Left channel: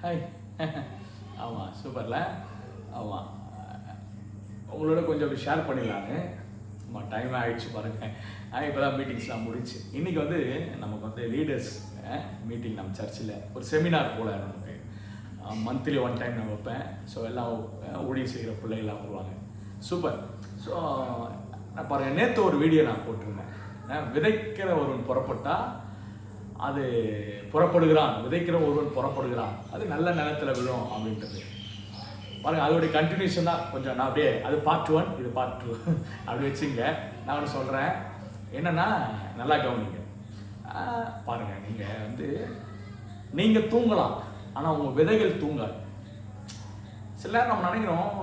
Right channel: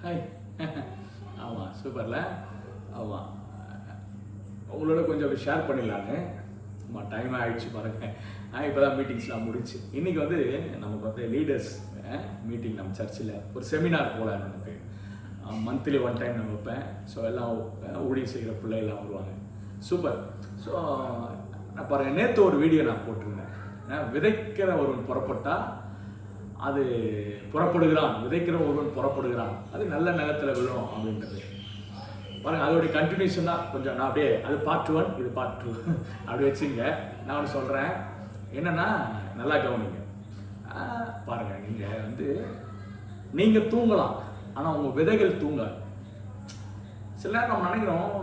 Hi. ஆமாம், சூப்பர்ல. ஆமாம், உங்களோட கொஞ்சம் அப்படி ஷேர் பண்ணிடலான்னு. ஆமாம், டைம் ஆகிடுச்சு பாருங்கள். இப்போ தான் மீட்டிங்ஸ்லாம் முடிச்சு. இன்றைக்கி வந்து நமக்கு வந்து லீடர்ஸ் மீட்டிங் நம்ம சர்ச்சில் ஒரு செமினார் போல் நமக்கு மந்த்லி 1 டைம் நான் வைப்பேன். ஸோ எல்லாம் ஊழியம் செய்கிற பிள்ளைகள்லாம் வருவாங்க. சூப்பர். ஸோ நான் பாருங்கள், நேற்று ஒரு வீடியோ நான் போட்டிருந்தேன். விதைக்கிற ஒருவன் புறப்பட்டால் அது புறப்படுகிறான், விதைக்கிற ஒருவன் புறப்படுகிறான், அது நல்ல நிலத்தில் விழும் அப்படின்றது பாருங்கள். அதோடைய கண்டினியூஷன் தான் கொஞ்சம் நான் அப்படியே, அது பார்ட் 1, இது பார்ட் 2 அப்படி வச்சுங்க. நான் ஒன்று சொல்கிறேன் என்னென்னா, நல்லா கவனிங்க. பாருங்கள், நீங்கள் வந்து நீங்கள் தூங்கலாம், ஆனால் உங்கள் விதைகள் தூங்காது. சில நேரம் நம்ம நினைக்கிறோம்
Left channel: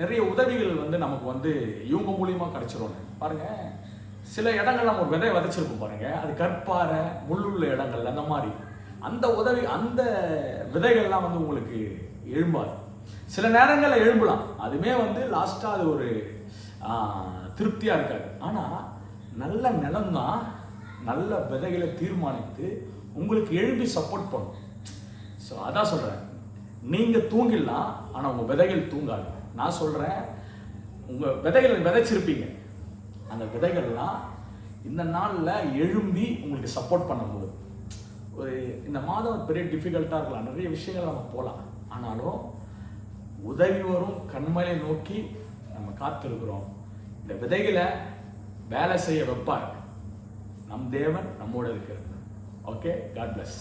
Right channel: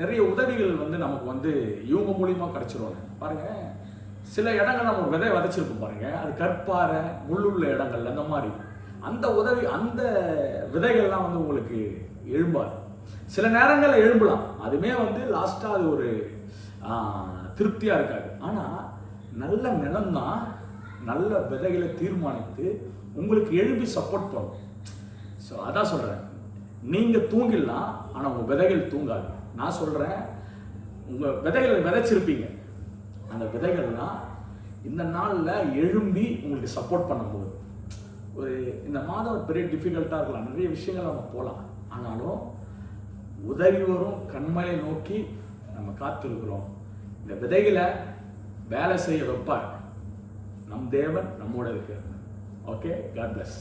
நிறைய உதவிகள் வந்து நமக்கு வந்து இவங்க மூலியமாக கிடைச்சிரும். பாருங்கள், சில இடங்கள் நம்ம ஒரு விதையை விதைச்சிருப்போம் பாருங்கள், அது கற்பாறை முள்ளுள்ள இடங்கள், அந்த மாதிரி அந்த உதவி, அந்த விதைகள்லாம் வந்து உங்களுக்கு எழும்பாது. சில நேரங்களில் எழும்பலாம், அதுவுமே வந்து லாஸ்ட்டாக அது ஒரு திருப்தியாக இருக்காது. ஆனால் நல்ல நிலம்தான் நல்ல விதைகளை தீர்மானித்து உங்களுக்கு எழுப்பி சப்போர்ட் பண்ணும். ஸோ அதான் சொல்கிறேன், நீங்கள் தூங்கிடலாம், ஆனால் உங்கள் விதைகள் தூங்காது. நான் சொல்கிறேன், உங்கள் விதைகளை விதைச்சிருப்பீங்க, அந்த விதைகள்லாம் இந்த நாளில் எழும்பி உங்களுக்கு சப்போர்ட் பண்ணும்போது, ஒரு இந்த மாதம் ஒரு பெரிய டிஃபிகல்ட்டாக இருக்கலாம், நிறைய விஷயங்கள் நம்ம போகலாம், ஆனாலும் உதவி வரும் கண்மலை நோக்கி நம்ம காத்திருக்கிறோம். இந்த விதைகளை வேலை செய்ய வைப்பார் நம் தேவன், நம்மோட இருக்கிறார். Okay, God plus.